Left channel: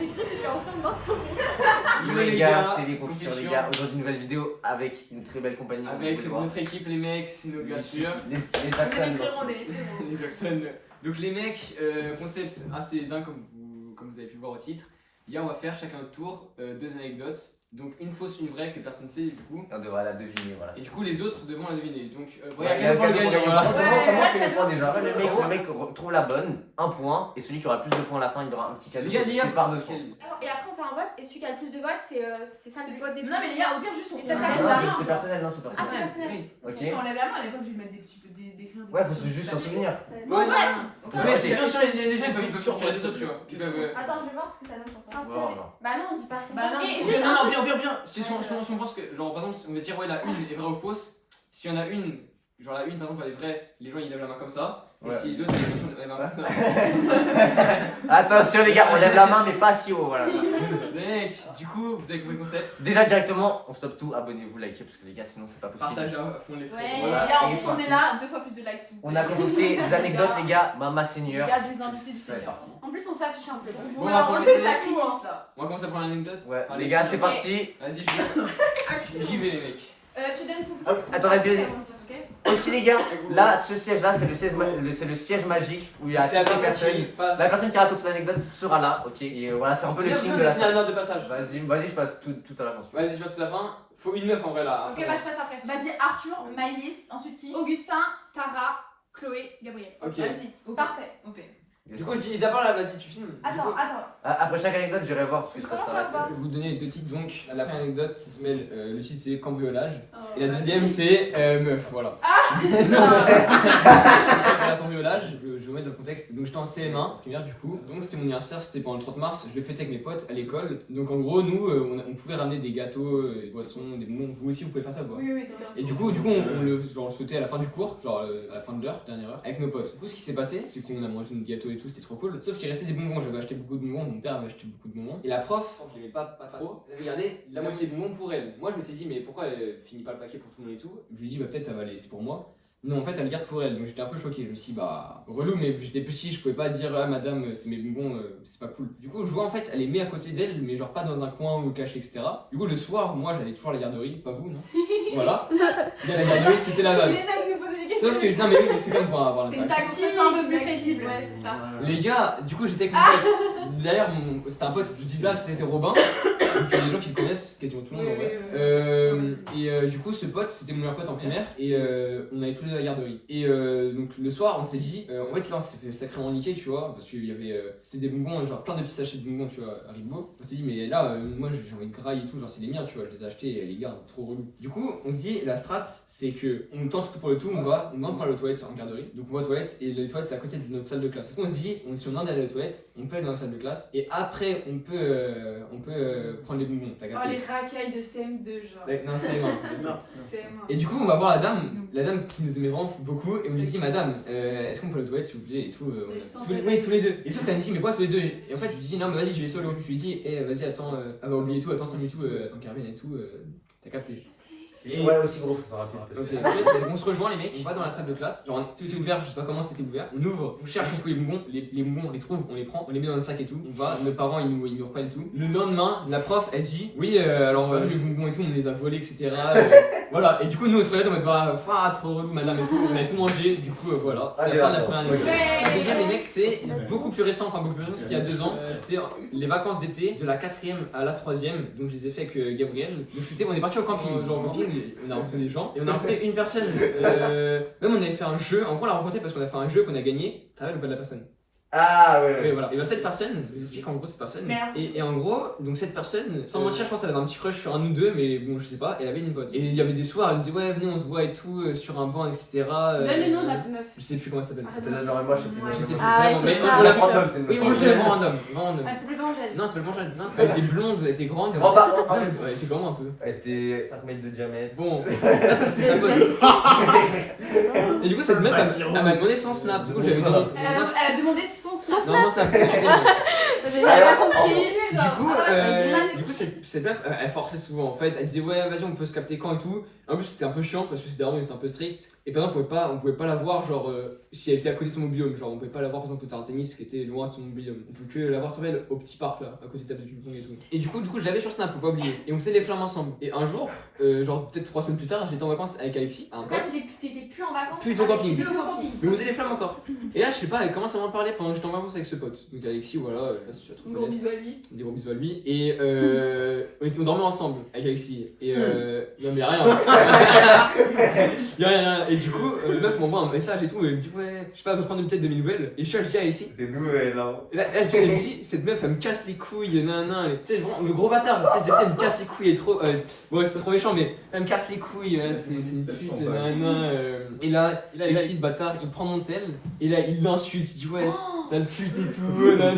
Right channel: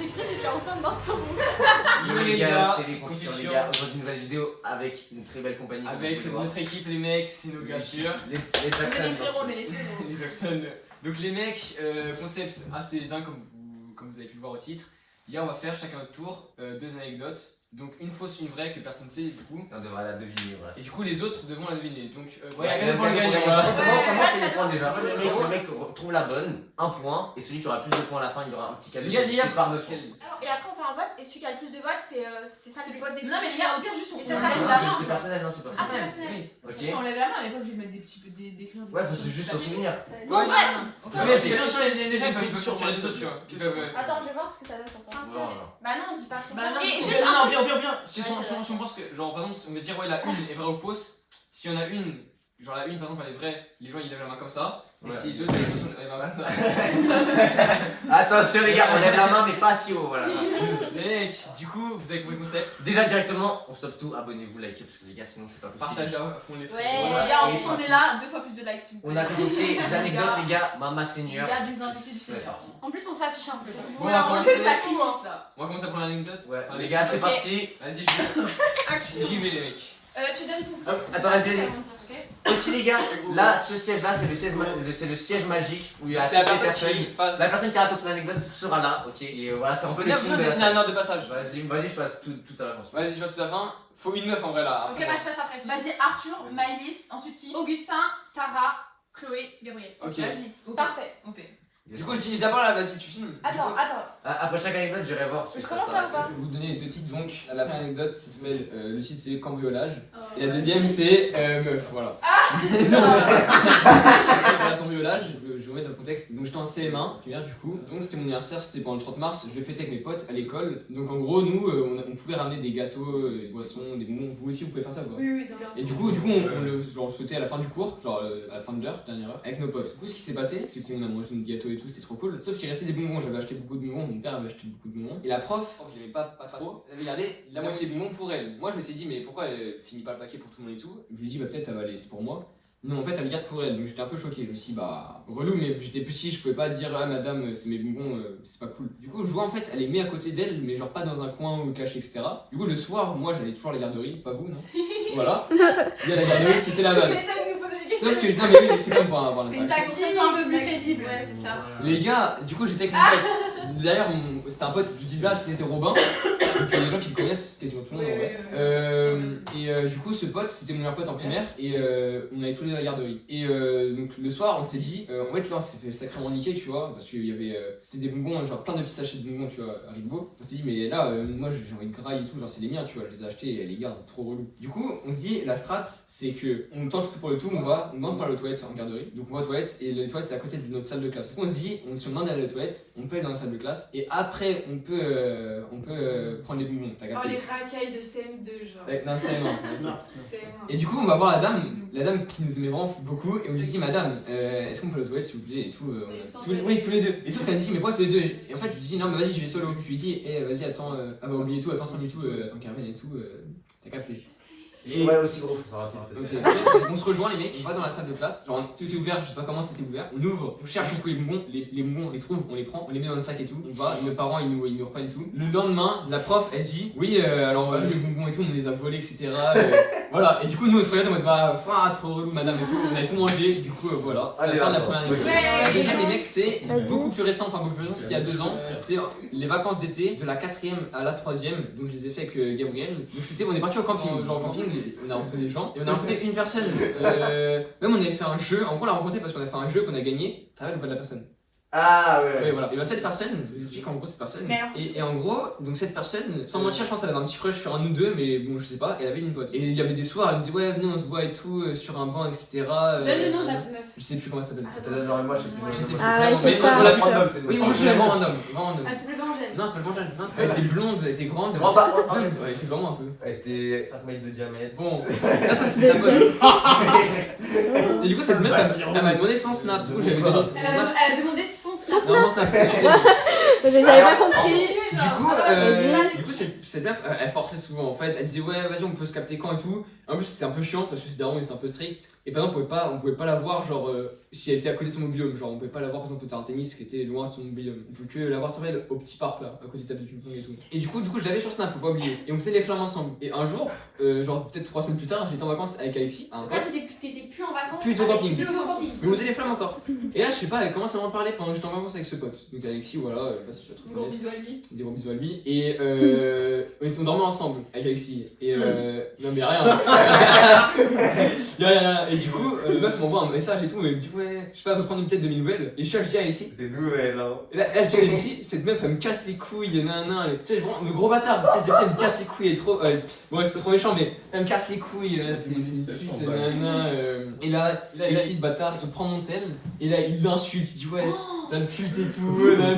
j'ai cru que j'étais enceinte d'un tour. Yo les gars, c'est les confitures les gars. Aujourd'hui une nouvelle vidéo avec une très belle compagnie. Avec notre équipe, les mecs, c'est nos bien sûr. Les Jackson. Les Jackson. Donc les mecs, concept assez dingue comme vous avez pu le voir au titre. Là on va faire chacun notre tour 2 anecdotes. Donc une fausse, une vraie que personne ne sait du coup. On devra la deviner voilà. Et du coup les autres devront la deviner. Donc ouais, quelqu'un pour le gagnant. Voilà. Comment on fait les points déjà? Le mec trouve la bonne, un point, et celui qui aura le plus de points à la fin il aura un petit cadeau. Les gars, par dessus. Et après on fait un vote et celui qui a le plus de votes c'est ça le vote des Non mais les gars, au pire juste on Et ça lève s'arrête la là. main. C'est personnel, non c'est Ah c'est personnel. personnel. Oui. Ok. On lève la main, à l'époque je vais mettre des petits peu d'écrire. Ouais, faut juste s'en souvenir. Bon bref. Ouais, c'est sûr, les gens ils peuvent s'inspirer des autres, tu vois. Attends, je vais voir ce que ça donne sur ton Voilà. Bah non, on dit pas ce qu'on Bah non. Et Bien, juste non, bien. Si on pense que, genre par exemple, on va dire ouais la une est vraie ou fausse. Si on a une, genre la une par exemple elle est vraie, les gens ils lèvent la main comme ça. Et Ouais. si l'autre elle la main comme ça. Attention les gars, on lève la main mais pas si haut, voilà. Mec, du coup vous avez compris le concept. Déjà directement, on stoppe tout, abonnez-vous, likez parce que les gars sinon c'est pas possible. Partagez à fond les frais. Ouais. Voilà. Les gars, en Et plus on c'est est là, 2 fois plus de likes s'il vous On plaît. a connecté des anecdotes gars. les gars, Mama Les Seigneur. gars, des invités du C'est Seigneur. parti. En plus on s'affiche un peu. Bon, on va Voilà, on commencer. fait sacrifice là. On va commencer à prendre l'anecdote. Ouais, Allez, les gars c'est parti. Vas-y, j'y vais les mecs. Tu donnes ton Hop, titre. attends, vas-y. Ok. Aussi les gars, là ce siège là c'est le siège magique où il y a C'est la toutes les personne qui personnes. passe. La personne qui raconte son anecdote sera là, ok. Et voilà, c'est un peu le team de la finir salle. une heure de passage. Vas-y, je passe tout à la fin. Vas-y, je passe à la fin. Faut une meuf en vrai là. Ok, bah je passe après. Vas-y, Arthur, Maëlys, ensuite qui? Augustin, Tara, Chloé, Gabriel. Ok. Vas-y, ok. Parfait. Ok. Du coup, je dis d'abord là, vas-y, tu filmes. Du coup, Attends. Après chaque anecdote, j'irai voir parce que ça Comment sera ça va là. je vais vous donner les 2 titres donc. La première anecdote, ça s'appelle le titre c'est cambriolage. Oh, Et la vas-y. deuxième c'est meuf, voilà. La cambriolage, je vous mets dans le contexte. Donc j'étais en CM1, primaire du coup. Donc c'était mon anniversaire, c'était pendant le 30 mars. Je l'ai fêté avec mes potes à l'école. Donc en gros, nous, on pouvait ramener des gâteaux, des boissons, des bonbons. Vous aussi, vous pouvez faire ça quoi. Oui, d'accord. Et du coup, on le souhaitait à la fin du cours, genre à la fin de l'heure, dernière heure, avec nos potes. Du coup, ce qui s'est passé, c'est qu'on a mangé des gâteaux et tout, c'était trop cool. Sauf qu'il restait des bonbons, j'avais acheté beaucoup de bonbons, mon père avait acheté beaucoup de bonbons. Et la prof, je l'aimais pas trop, elle avait gardé la moitié des bonbons pour elle. Moi, je m'étais dit, mais pourquoi elle finit pas le paquet pour tout le monde et tout? Je lui dis, bah peut-être elle va aller, c'est pour moi. Non, en fait, elle le garde pour elle, donc j'étais un peu choqué. Je me suis dit, bah, relou, mais j'étais petit, je pouvais pas dire, ah madame, c'est mes bonbons, c'est pas cool. Du coup, je vois en fait, elle les met à côté d'elle, mais genre pas dans un coin ou caché, etc. Du coup, le soir, moi j'allais toujours à la garderie, pas vous, non? Voilà. Et à la garderie, c'était la base. J'essaie de nous poser des questions. Sauf que, non, mais oui, c'est comme pour avoir C'est une l'impact. tactique un peu plus crédible, ouais, c'est ça. Les gars, du coup, j'étais avec mon pote. D'ailleurs, c'était un pote, je dis là, c'était Robin. Donc, il y a des gens qui le connaissent, quasiment tout le monde en vrai. Du coup, ce pote, c'était mon meilleur pote en primaire. Et on allait tous les deux à la garderie. Et donc, le soir, on s'est dit, en fait, là, on s'est fait sacrément niquer, tu vois. Parce qu'il y avait. C'était des bonbons, genre plein de petits sachets de bonbons, tu vois, Haribo. On s'est dit, mais là, moi, j'ai envie de graille et tout, genre, c'est les miens, tu vois, je les ai achetés et les garde, trop relou. Du coup, on se dit, la strat, c'est que on tente tout pour le tout, on demande pour aller aux toilettes en garderie. Donc, on va aux toilettes et les toilettes, c'est à côté de notre salle de classe. On se dit, si on demande d'aller aux toilettes, on peut aller dans la salle de classe et après, on peut prendre les bonbons. T'as Oh, capté? les racailles de CM2, genre. Non, c'est non. CM1. Et du coup, on va voir la dame qui nous aimait vraiment beaucoup, et on lui dit, madame, est-ce qu'on peut aller aux toilettes s'il vous plaît? Et tout. Oui, tous les deux. Et sauf qu'elle me dit, mais pourquoi tous les deux? Et en fait, je dis, non, mais vas-y, je vais solo. Je lui dis, vas-y, attends, elle va oublier tout, attends 5 minutes, attends Carmen et tout, t'as capté. Et... Ouais, aussi gros, faut savoir. Ok, on se rejoint les mecs, on va dans la salle de classe, genre c'est ouvert, je sais pas comment c'était ouvert, on ouvre, on cherche, on fouille les bonbons, les bonbons on les trouve, on les prend, on les met dans le sac et tout, on va, nos parents ils nous reprennent et tout. Le lendemain, la prof elle dit, oui alors les bonbons et tout, on les a volés etc. Voilà, et du coup nous on se regarde en mode bah trop relou madame et tout, on a tout mangé, du coup voilà, c'est la fin de la première année. La deuxième les mecs c'est beaucoup plus récent, c'était il y a 2 ans, c'était les vacances d'été de la 4ème à la 3ème, donc je les ai fait avec Gabriel, donc c'était, on est parti au camping, genre au camping, on a rencontré des gens et on a rencontré une personne, même on avait fait un jeu, en gros on l'a rencontré parce qu'on a fait un jeu qu'on a gagné, t'as vu le pas de la personne? Ah ouais. Oui, voilà. Et bah cette personne, je vous explique en gros cette personne. Et en gros, donc cette personne, sans mentir, je pense qu'elle avait un petit crush sur un ou deux, mais bon, je sais pas, elle avait une pote. Et il y avait des soirs, elle me disait ouais, venez, on se voit et tout, sur un banc, etc. Donne le nom de la meuf. Je sais plus comment elle s'appelle. Moi je sais plus. Je sais plus. Ah ouais, Mais c'est ça. on l'a sûr. Oui, moi je l'ai vraiment random. Elle s'appelle pas Angèle. Non, c'est pas Angèle. Non, elle était blonde, elle était grande. C'est vraiment pas. Non, mais elle était vraiment un peu. Elle était 5 mètres de diamètre. Bon, là ça c'est sa pote. Et du coup, cette meuf, elle m'a demandé son snap. Du coup, j'avais donné. Elle a demandé son snap. Non, mon snap. J'avais pas compris. Du coup, cette meuf, elle forçait souvent en fait. Elle disait ouais, vas-y, on peut se capter quand et tout. En plus, c'était un peu chiant parce que c'était un peu strict. Et par exemple, on pouvait pas la voir, genre, si elle était à côté de son mobil-home. Genre, on pouvait pas la voir par exemple au terrain de tennis qui était loin de son mobil-home. On pouvait que la voir au petit parc là, à côté de table de ping-pong et tout. Et du coup, je l'avais sur Snap, faut pas oublier. Et on faisait les flammes ensemble. Et un jour, genre peut-être 3 semaines plus tard, j'étais en vacances avec Alexis, un Là, pote. t'étais plus en vacances. Plus au camping. Plus au camping. Mais on faisait les flammes encore. Et là, je sais pas, elle commence à m'en parler pendant que j'étais en vacances avec ce pote. Donc Alexis, voilà, je sais pas si tu vas te Gros reconnaître. bisous à lui. Des gros bisous à lui. Et on dormait ensemble avec Alexis. Et non, mais rien. Rien. Et du coup, le meuf m'envoie un message et tout. Elle me dit, ouais, je sais pas, peut prendre peut-être de mes nouvelles. Et je dis à Alexis. C'était nouvelle, hein. Et là, je dis à Alexis, cette meuf, elle me casse les couilles. Nan. Tu sais, vraiment, le gros bâtard. Tu sais, elle me casse les couilles. Elle est trop. Bon, c'est trop méchant, mais elle me casse les couilles. C'est une pute. Nan. Et là, Alexis, ce bâtard, il prend mon tel. Et là, il l'insulte. Il dit, ouais, sale pute et tout. Nan.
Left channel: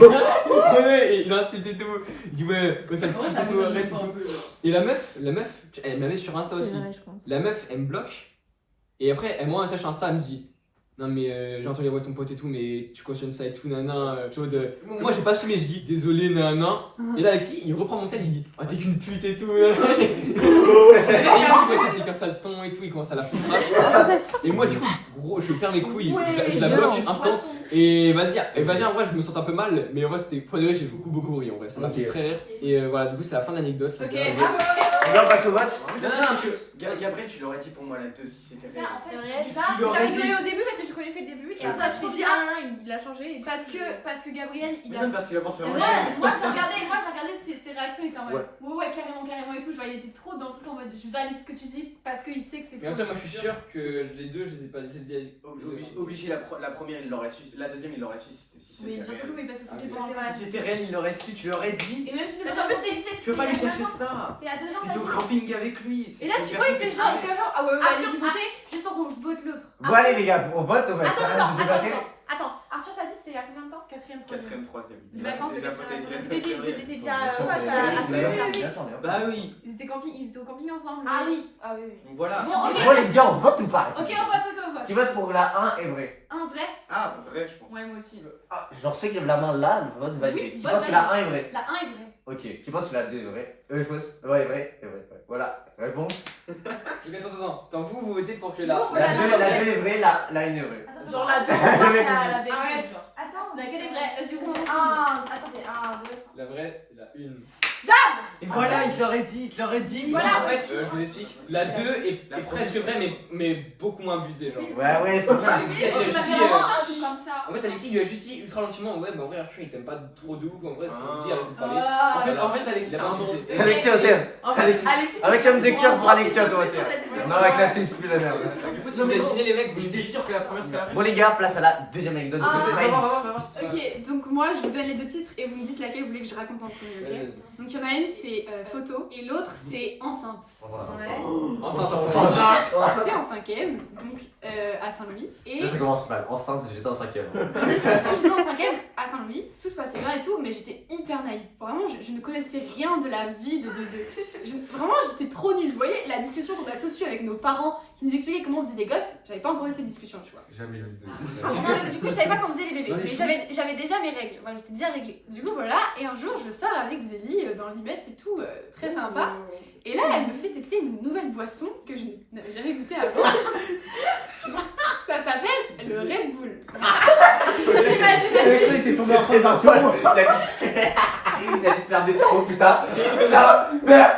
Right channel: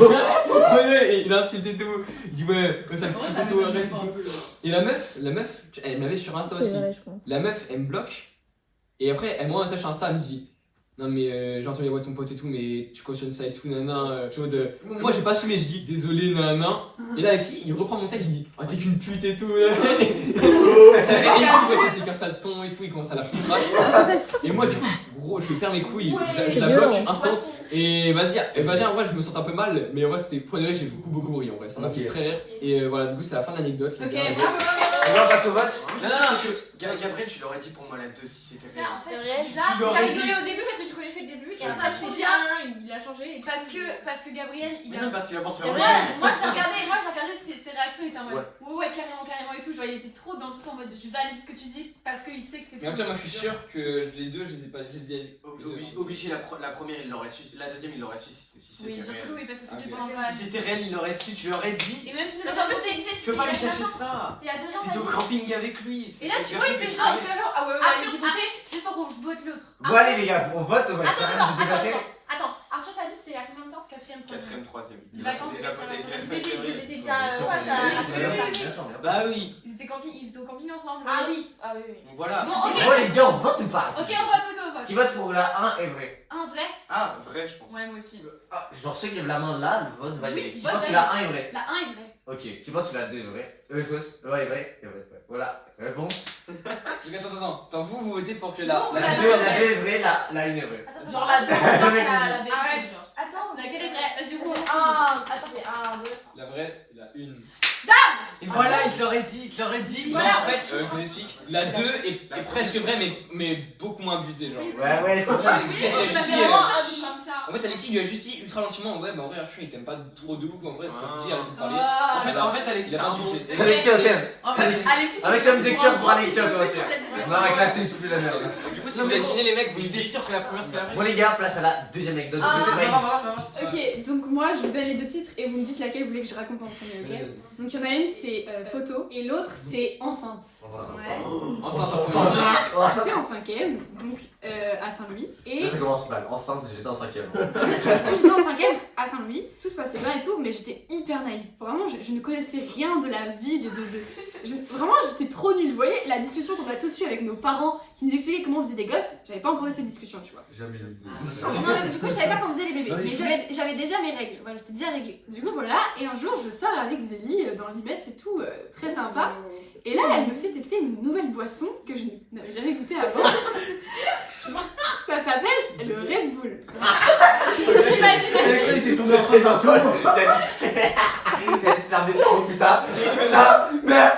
Et il insulte et tout. Il dit, ouais, sale pute et tout, arrête et tout. Et la meuf, elle m'avait sur Insta aussi. C'est vrai, je pense. La meuf, elle me bloque. Et après, elle m'envoie un message sur Insta, elle me dit non, mais j'ai entendu la voix de ton pote et tout, mais tu cautionnes ça et tout, nana. Moi, j'ai pas assumé, je dis désolé, nana. Et là, Alexis, il reprend mon tel, il dit oh, t'es qu'une pute et tout. Et il dit t'es qu'un sale ton et tout, il commence à la foutre. Et moi, du coup, gros, je perds mes couilles, je la bloque instant. Et vas-y, en vrai, je me sens un peu mal, mais en vrai, c'était pour de vrai, j'ai beaucoup ri en vrai, ça m'a fait très rire. Et voilà, du coup, c'est la fin de l'anecdote. Ok, bravo. Là, on passe au vote. Non. Gabriel, tu l'aurais dit pour moi la 2 si c'était Déjà, réel. en fait, vrai. déjà, Tu tu l'aurais t'as dit. rigolé au début parce que tu connaissais le début. Et Ouais. après, je t'ai dit, il a changé. Et Parce que Gabriel, il Mais a. même parce qu'il a pensé à Et moi. moi j'ai regardé ses réactions, il était en mode ouais, carrément et tout. Genre, il était trop dans le truc en mode je valide ce que tu dis parce qu'il sait que c'est Mais en faux. tout cas, moi, je suis sûr que les deux, je les ai pas dit. Obligé, la première il l'aurait su, la deuxième il l'aurait su si c'était Oui, réel. bien sûr que oui, parce que c'était Ok. pendant Si c'était réel, il l'aurait su, tu l'aurais dit. Et même tu Parce qu'en plus, t'as dit, Tu peux pas aller chercher ça. t'es à 2 ans, T'es au camping avec lui. Et là, tu vois, il fait genre, ah ouais, Arthur, allez-y, votez, juste pour qu'on vote l'autre. Bon, allez les gars, on vote, on va essayer de débattre. Attends, Arthur, t'as dit c'était il y a combien de temps? 4ème, 4ème, 3ème. Les vacances de Vous étiez déjà. Bah oui. Ils étaient au camping ensemble. Ah oui. Donc voilà. Bon, ok. Bon les gars, on vote ou pas? Ok, on vote. Qui vote pour la 1 est vrai? Un vrai? Ah, vrai je pense. Ouais, moi aussi. Ah, genre ceux qui lèvent la main là, le vote validé. Oui, Qui vote pense que la 1 est vraie? La 1 est vraie. Ok. Qui pense que la 2 est vraie? Est fausse? Le 1 est vrai? Est vrai. Voilà. Réponse. Attends, vous votez pour que la. Non, La 2 est vraie, la 1 est vraie. Genre la 2, on voit la vérité. Arrête. Genre. Attends, Laquelle est vraie? Vas-y, on vote. Attendez, La vraie, c'est la 1. Et voilà, il te l'aurait dit, Voilà. En fait, je vous explique. La 2 est presque vraie, mais beaucoup moins abusée. Genre. Ouais, c'est vrai. Alexis, Parce que ça fait Alexis, vraiment un truc comme ça. En fait, Alexis lui a juste dit ultra gentiment ouais, bah en vrai, Arthur il t'aime pas trop de ouf. En vrai, c'est dit, arrêtez de parler. En fait, Alexis, Il a pas insulté. Ok. Alexis, on t'aime. En fait, Alexis. Alexis, Avec c'est ça me déclare pour Alexis en c'est commentaire. sur cette vidéo. Non, avec la tête, je plus la merde. Du coup, si vous avez deviné les mecs, vous Je me suis dites. sûr que la première c'était la vraie. Bon, les gars, place à la deuxième anecdote. Ah, C'était on va Maïs. Ok, donc moi je vous donne les deux titres et vous me dites laquelle vous voulez que je raconte en premier, ok? Donc il y en a une c'est photo et l'autre c'est enceinte. C'était en 5ème, donc à Saint-Louis. Et Ça commence mal. Enceinte, j'étais en 5ème. j'étais en 5ème à Saint-Louis, tout se passait bien et tout, mais j'étais hyper naïve. Vraiment, je ne connaissais rien de la vie, vraiment j'étais trop nulle. Vous voyez, la discussion qu'on a tous eu avec nos parents qui nous expliquaient comment on faisait des gosses, j'avais pas encore eu cette discussion, tu vois. Jamais eu Non, mais du coup, je savais pas comment on faisait les bébés, mais j'avais déjà mes règles, ouais, j'étais déjà réglée. Du coup, voilà, et un jour, je sors avec Zélie dans l'Imette, c'est tout, très sympa. Et là, elle me fait tester une nouvelle boisson que je n'avais jamais goûtée avant. Ça s'appelle le Red Bull. Alexis était tombé enceinte d'un tour. Il a dit se faire des oh putain, meuf.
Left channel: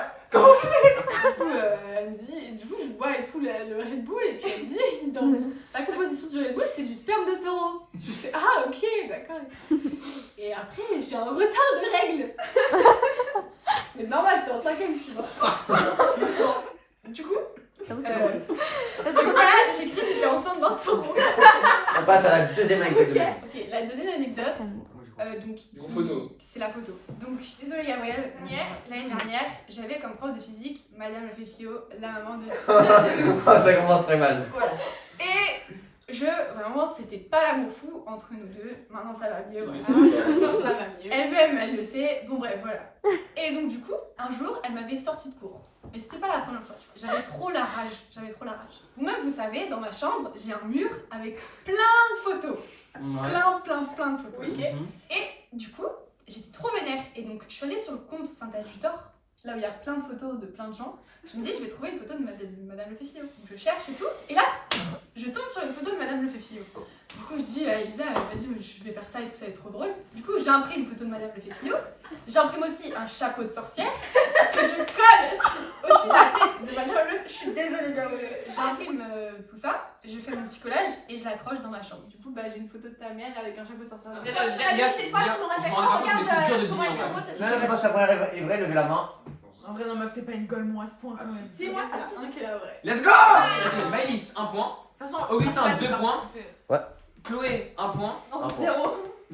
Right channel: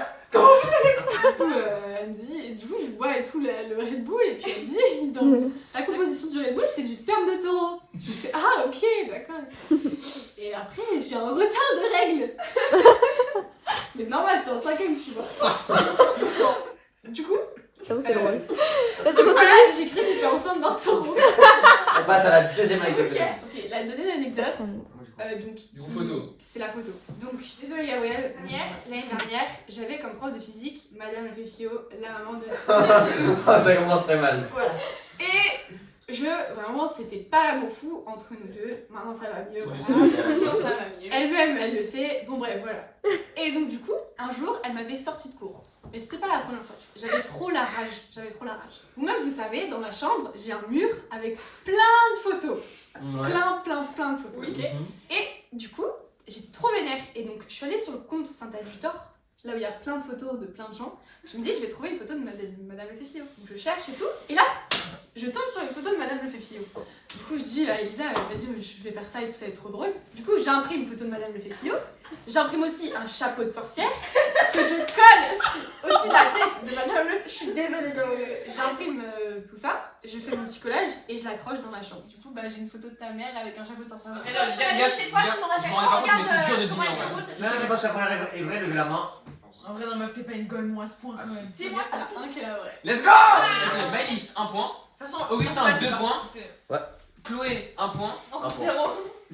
Elle me dit, et du coup, je bois et tout le Red Bull, et puis elle me dit, dans la composition du Red Bull, c'est du sperme de taureau. Je fais, ah ok, d'accord. Et après, j'ai un retard de règles. Mais c'est normal, j'étais en 5ème, tu vois. Du coup, J'avoue, c'est drôle. voilà, j'ai cru que j'étais enceinte d'un taureau. On passe à la deuxième anecdote de Maïs. Ok, la deuxième anecdote, donc Photo. c'est la photo. Donc, désolé Gabriel, l'année dernière, j'avais comme prof de physique Madame Lafefio, la maman de Ça commence très mal. Voilà. Et vraiment, c'était pas l'amour fou entre nous deux. Maintenant, ça va mieux. Voilà. Ça va mieux. Elle-même, elle le sait. Bon, bref, voilà. Et donc, du coup, un jour, elle m'avait sorti de cours. Mais c'était pas la première fois. J'avais trop la rage. Vous-même, vous savez, dans ma chambre, j'ai un mur avec plein de photos. Plein de photos, ok. Et du coup, j'étais trop vénère. Et donc, je suis allée sur le compte Saint-Adjutor, là où il y a plein de photos de plein de gens. Je me dis, je vais trouver une photo de Madame Le Fefio. Donc, je cherche et tout. Et là, je tombe sur une photo de Madame Le Fefio. Du coup, je dis à Elisa, vas-y, je vais faire ça et tout, ça va être trop drôle. Du coup, j'imprime une photo de Madame Le Fefio. J'imprime aussi un chapeau de sorcière que je colle au-dessus de la tête de Madame Le. Je suis désolée, j'imprime tout ça, je fais mon petit collage et je l'accroche dans ma chambre. Du coup, bah, j'ai une photo de ta mère avec un chapeau de sorcière. Après, là, je suis allée chez toi, tu m'aurais fait. Je me rends compte, mais c'est dur de Thomas, deviner, en Thomas, fait. c'est- Non, mais quand la première est vraie, levez la main. En vrai, non, meuf, t'es pas une golemon à ce point quand même. C'est moi ça. Un qui est là, ouais. Let's go. Ok, Maëlys, 1 point. De toute façon, Augustin, principal, 2 c'est points. participer. Chloé, 1 point. Non, Un c'est point. 0.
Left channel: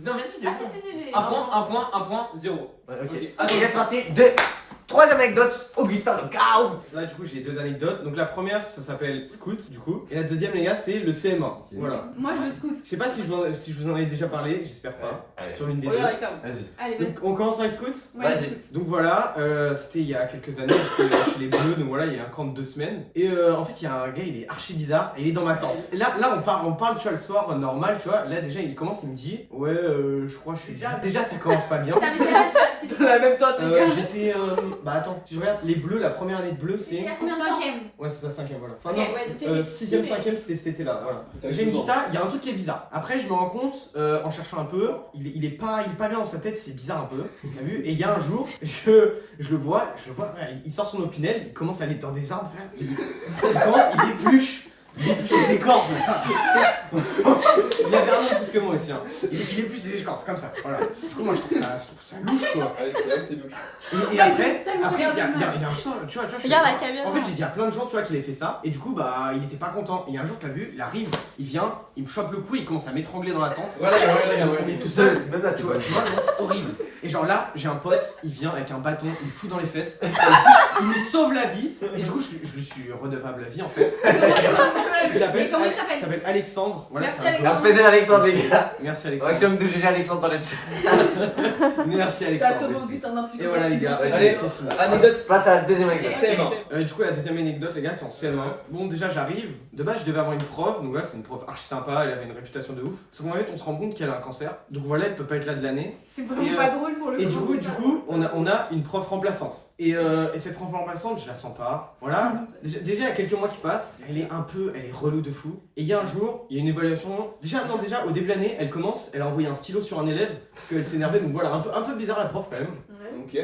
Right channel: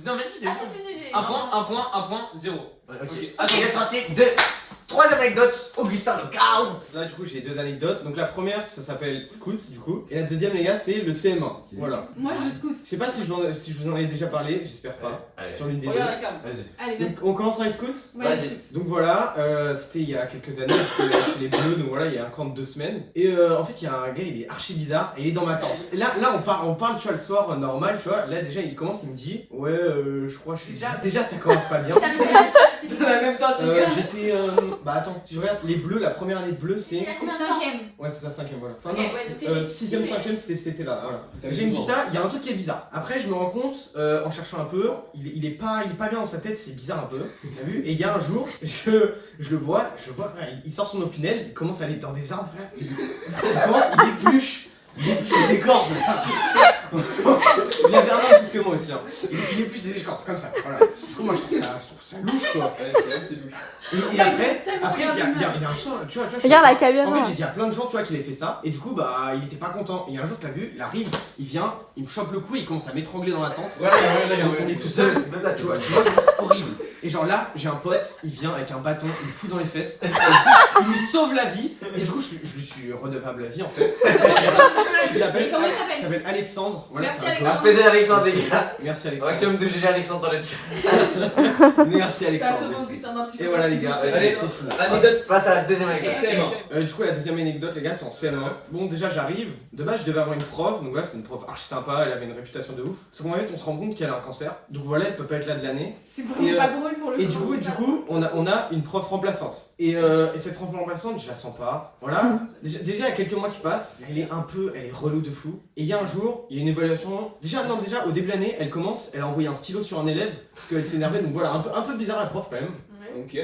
Non, mais si, j'ai Ah, si, j'ai. 1 point, 1 point, 1 point, 0. Ouais, ok. Ok, Ok, c'est parti. Troisième anecdote, Augustin le count. Là, du coup, j'ai deux anecdotes. Donc, la première, ça s'appelle Scout, du coup. Et la deuxième, les gars, c'est le CM1. Voilà. Moi, je scout. Je sais pas si je vous en ai déjà parlé, j'espère pas. Allez. Sur l'une des deux. Regarde la cam. Vas-y. Allez, vas-y. Donc, on commence avec Scout. Ouais, Vas-y. scout. Donc voilà, c'était il y a quelques années, j'étais chez les Bleus, donc voilà, il y a un camp de 2 semaines. Et en fait, il y a un gars, il est archi bizarre, et il est dans ma tente. Et là on parle, tu vois, le soir, normal, tu vois. Là, déjà, il commence, il me dit, ouais, je crois que je suis... Déjà, ça commence pas bien. T'as mis quel âge C'est tout. Dans la même tente, les gars. J'étais... Bah attends, si je regarde, les Bleus, la première année de Bleus, c'est... Il a combien de temps? 5ème. Ouais, c'est ça, 5ème, voilà. Enfin, Ok, non, ouais, t'es 6ème, 5ème, c'était cet été-là, voilà. J'ai me dit ça, il y a un truc qui est bizarre. Après, je me rends compte, en cherchant un peu, il est pas bien dans sa tête, c'est bizarre un peu. T'as vu? Et il y a un jour, je le vois, il sort son opinel, il commence à aller dans des arbres, il épluche ses écorces. Il avait un an plus que moi aussi, hein. Il épluche ses écorces comme ça, voilà. Du coup, moi, je trouve ça louche, quoi. Ouais, c'est vrai, c'est louche. Et après, il y a un sort, tu vois, je Regarde la en caméra. fait, j'ai dit à plein de gens, tu vois, qu'il avait fait ça, et du coup, bah, il était pas content. Et un jour, t'as vu, il arrive, il vient, il me chope le cou, il commence à m'étrangler dans la tente. Voilà, regarde. On est tout seul, tu vois comment c'est horrible. Et genre là, j'ai un pote, il vient avec un bâton, il me fout dans les fesses, il me sauve la vie, et du coup, je lui suis redevable la vie en fait. Il s'appelle Et comment il s'appelle Alexandre. Voilà, Merci, c'est un peu- Alexandre. Applaudissez Alexandre, les gars. Merci Alexandre. Maximum de GG Alexandre dans le chat. Merci T'as Alexandre. sauvé Augustin d'un Et psychopathe. voilà les gars, Allez. c'est fini. Anecdote. Passe à la deuxième anecdote. CM1. Du coup, la deuxième anecdote, les gars, c'est en CM1. Bon, déjà, j'arrive. De base, je devais avoir une prof. Donc là, c'est une prof archi sympa. Elle avait une réputation de ouf. Sauf qu'en fait, on se rend compte qu'elle a un cancer. Donc voilà, elle peut pas être là de l'année. C'est Et, vraiment pas drôle pour le Et coup. du coup, on a une prof remplaçante. Et cette prof remplaçante, je la sens pas. Voilà. Déjà, il y a quelques mois qui passent. Elle est relou de fou. Et il y a un jour, il y a une évaluation. Déjà, au début de l'année, elle a envoyé un stylo sur un élève parce qu'elle s'énervait. Donc voilà, un peu bizarre la prof quand même. Ok.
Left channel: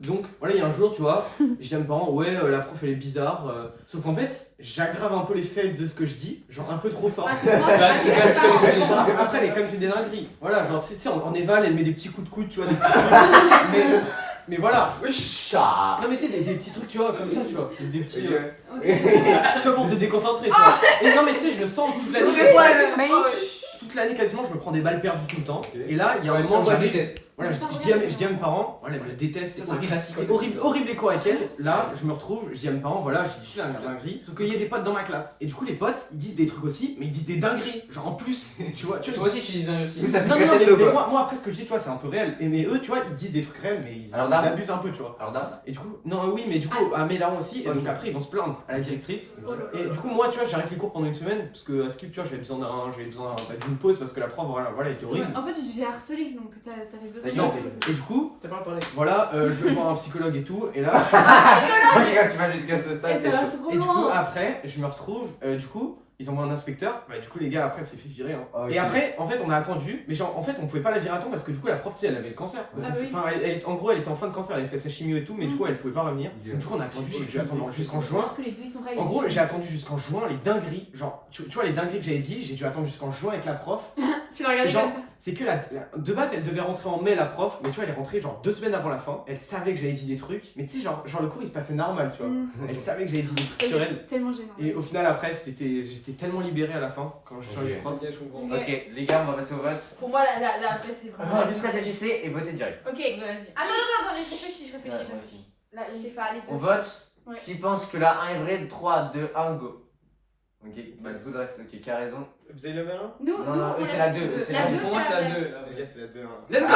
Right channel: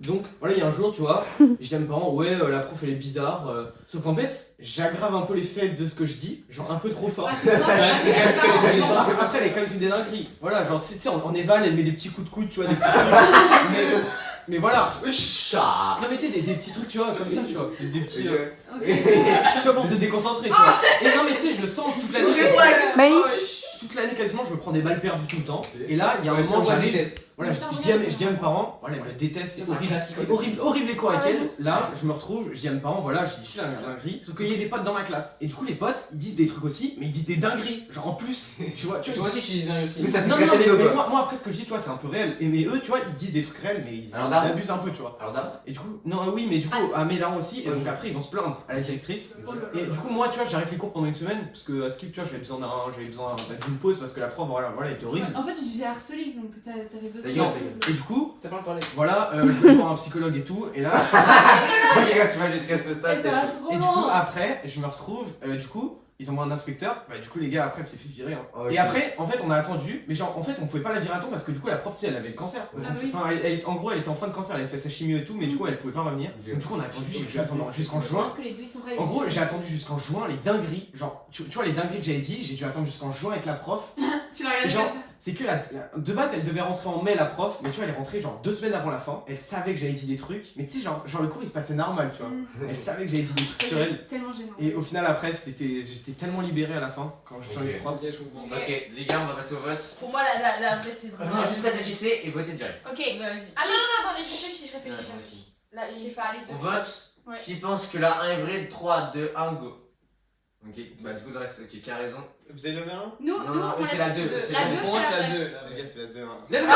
Donc voilà, il y a un jour, tu vois, je dis à mes parents, ouais, la prof elle est bizarre. Sauf qu'en fait, j'aggrave un peu les faits de ce que je dis, genre un peu trop fort. Après, elle est quand même une des dingueries. Voilà, genre, tu sais, en éval, elle met des petits coups de coude, tu vois, des petits trucs. Mais voilà. Chat. Non, mais tu sais, des petits trucs, tu vois, comme ça, tu vois. Des petits. Tu vois, pour te déconcentrer, tu vois. Et non, mais tu sais, je le sens toute l'année. Toute l'année, quasiment, je me prends des balles perdues tout le temps. Et là, il y a un moment où j'arrive. Voilà, je dis à mes parents, voilà, elle me déteste, c'est horrible, c'est horrible les cours avec elle. Là, je me retrouve, je dis à mes parents, voilà, je dis, je suis une dinguerie. Sauf qu'il y a des potes dans ma classe. Et du coup, les potes, ils disent des trucs aussi, mais ils disent des dingueries. Genre en plus, tu vois. Toi aussi, tu dis dingue aussi. Mais ça fait Non, cracher les dos, mais quoi. moi, après, ce que je dis, tu vois, c'est un peu réel. Et mais eux, tu vois, ils disent des trucs réels, mais ils Alors, dame. abusent un peu, tu vois. Alors, dame. Et du coup, non, oui, mais du coup, à mes darons aussi. Et donc après, ils vont se plaindre à la directrice. Et du coup, moi, tu vois, j'arrête les cours pendant une semaine. Parce que à Skip, tu vois, j'avais besoin d'une pause parce que la prof, voilà, elle était horrible. En fait, tu t'es harcelé, donc t'avais besoin Ta gueule, Et du coup, T'as pas parlé. voilà, je vais voir un psychologue et tout. Et là, Ok, quand tu vas jusqu'à ce stade, c'est chaud. et du coup, après, je me retrouve, du coup, ils envoient un inspecteur. Bah, du coup, les gars, après, elle s'est fait virer. Hein. Ok. Et après, en fait, on a attendu, mais genre, en fait, on pouvait pas la virer à temps parce que du coup, la prof, tu sais, elle avait le cancer. Donc, Ah oui. enfin, en gros, elle était en fin de cancer, elle avait fait sa chimio et tout, mais du coup, elle pouvait pas revenir. Donc, du coup, on a attendu, j'ai dû attendre jusqu'en Je juin. pense que les deux ils sont pas En gros, j'ai attendu jusqu'en juin, les dingueries. Genre, tu vois, les dingueries que j'avais dit, j'ai dû attendre jusqu'en juin avec la prof. Tu l'as regardé Genre, comme ça. c'est que de base, elle devait rentrer en mai, la prof, mais tu vois, elle est rentrée genre 2 semaines avant la fin. Elle savait que j'avais dit des trucs, mais tu sais, genre le cours il se passait normal, tu vois. Elle savait que j'avais dit des trucs sur elle. C'est tellement gênant. Et au final, après, j'étais tellement libéré à la fin quand j'ai changé de prof. Ok, je comprends. Ok, les gars, on va passer au vote. Pour moi, la vraie, c'est vraiment. Enfin, juste réfléchissez et votez direct. Ok, Vas-y. Ah non, attendez, je réfléchis. Là, je sais pas, allez. On vote. Ouais. Qui pense que la 1 est vraie? 3, 2, 1, go. Ok, bah du coup, le reste, ok, qui a raison? Vous avez levé un? Nous, Non, eux, c'est la 2. La 2, Pour moi, c'est la 2. Les gars, c'est la 2. Let's go!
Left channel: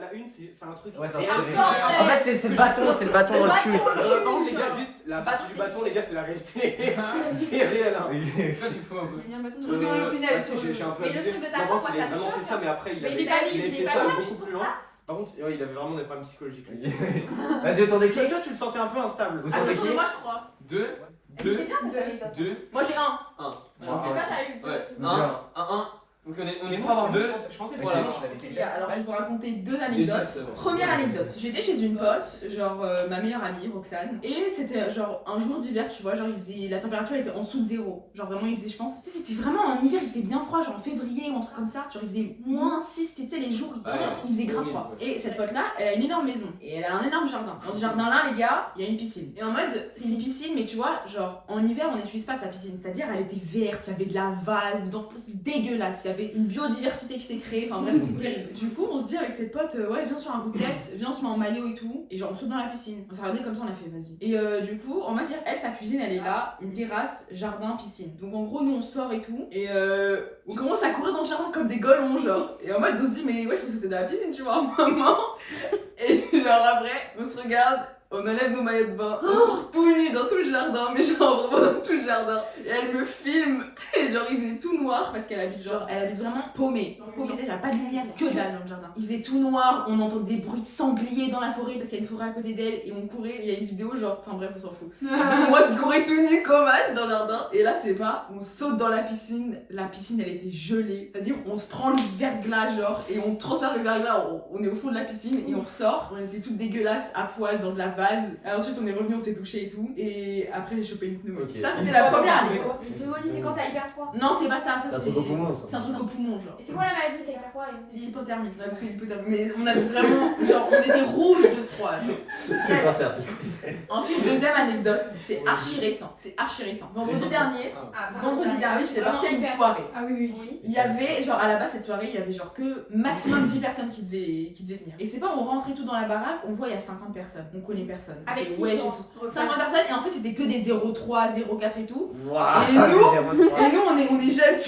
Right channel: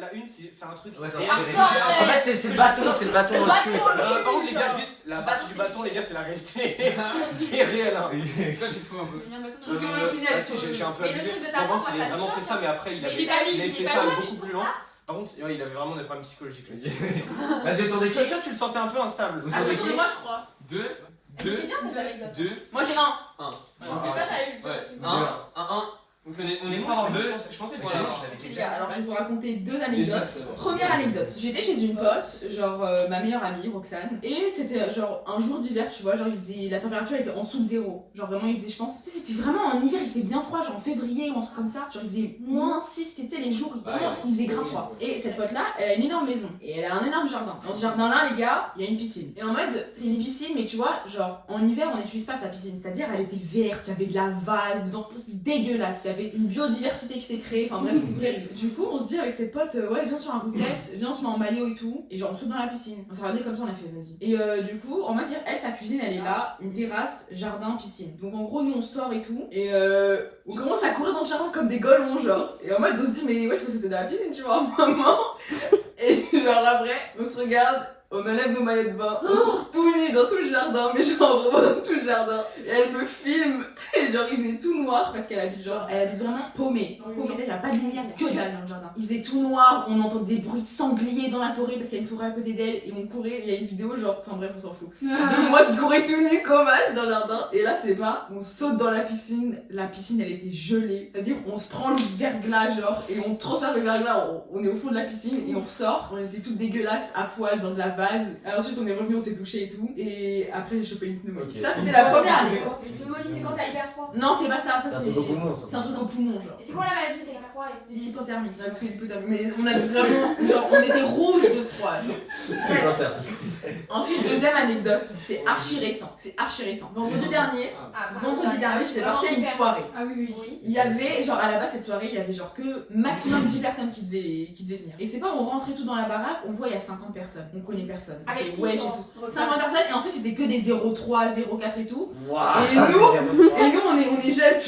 La 1, c'est un truc. Ouais, C'est c'est hardcore, En fait, c'est le bâton au-dessus. Par contre, les gars, juste la partie du bâton, les gars, c'est la réalité. C'est réel, hein. C'est quoi, tu fous un peu? Il y a un bâton Truc de l'opinel, Ah, si, j'ai un peu Mais le abusé. truc de ta Non, main, par contre, moi, il a ça te vraiment fait choque, ça, mais après, il Mais avait il a fait pas ça mal beaucoup juste plus pour loin. Par contre, ouais, il avait vraiment des problèmes psychologiques. lui. Vas-y, tourne Tu qui vois, tu le sentais un peu instable. Ah, c'est pour moi, je crois. 2, C'était 2, bien tes anecdotes. 2, Moi, j'ai un. 1. C'est pas t'as eu le Ouais, temps. 1, 1. Donc on est 3 à avoir 2. Je pensais que Voilà. Les gars, alors je vais vous raconter deux Et ça, anecdotes. c'est bon. Première anecdote, j'étais chez une pote, genre ma meilleure amie Roxane, et c'était genre un jour d'hiver, tu vois, genre il faisait, la température était en dessous de 0, genre vraiment il faisait, je pense, tu sais, c'était vraiment en hiver, il faisait bien froid, genre en février ou un truc comme ça, genre il faisait moins 6, tu sais, les jours, vraiment, il faisait grave froid. Et cette pote là, elle a une énorme maison, et elle a un énorme jardin. Dans ce jardin là, les gars, il y a une piscine. Et en mode, c'est une piscine, mais tu vois, genre en hiver, on n'utilise pas sa piscine, c'est-à-dire elle était verte, il y avait de la vase dedans, c'était dégueulasse, il y avait une biodiversité qui s'était créée, enfin bref, c'était terrible. Du coup, on se dit avec cette pote, ouais, viens sur un coup de tête, viens, on se met en maillot et tout, et genre on saute dans la piscine. On s'est regardé comme ça, on a fait vas-y. Et du coup, on va dire, elle, sa cuisine, elle est là, une terrasse, jardin, piscine. Donc en gros, nous on sort et tout, et on commence à courir dans le jardin comme des golemons, genre. Et en mode, on se dit, mais ouais, il faut sauter dans la piscine, tu vois, maman. Et genre après, on se regarde. On enlève nos maillots de bain, on court tout nu dans tout le jardin, mais genre vraiment dans tout le jardin. Et elle me filme, et genre il faisait tout noir parce qu'elle habite genre, elle habite vraiment paumée. Paumée, il n'y a pas de lumière, il y a que dalle dans le jardin. Il faisait tout noir, on entend des bruits de sangliers dans la forêt parce qu'il y a une forêt à côté d'elle, et on courait, il y a une vidéo genre, enfin bref, on s'en fout. De moi qui courais tout nu comme as dans le jardin. Et là c'est pas, on saute dans la piscine elle était gelée. C'est-à-dire on se prend le verglas genre, et on transfère le verglas, on est au fond de la piscine et on ressort. On était toutes dégueulasses à poil dans de la vase. Et ensuite on est revenu, on s'est touché et tout. Et après j'ai chopé une pneumonie. Ok. Ça c'était la première année. Une pneumonie, c'est quand t'as hyper froid. Non, c'est pas ça, ça C'est un c'est. truc au poumon, ça. C'est un truc au poumon, genre. Et c'est quoi la maladie où t'as hyper froid C'est l'hypothermie. Ouais, parce que l'hypothermie. Mais on avait vraiment. Genre, on était rouge de froid, genre. C'est le cancer, c'est le cancer. Ensuite, deuxième anecdote, c'est archi récent. C'est archi récent. Vendredi dernier, j'étais partie à une soirée. Ah oui, oui. Il y avait, genre à la base, cette soirée, il y avait genre que maximum 10 personnes qui devaient venir. Et c'est pas, on rentrait tout dans la baraque, on voit il y a 50 personnes. On connaît personne. On Avec fait, qui ouais, j'ai genre, tout. 50 personnes, et en fait, c'était que des 0,3, 0,4 et tout. Waouh. Et nous, on est jeunes,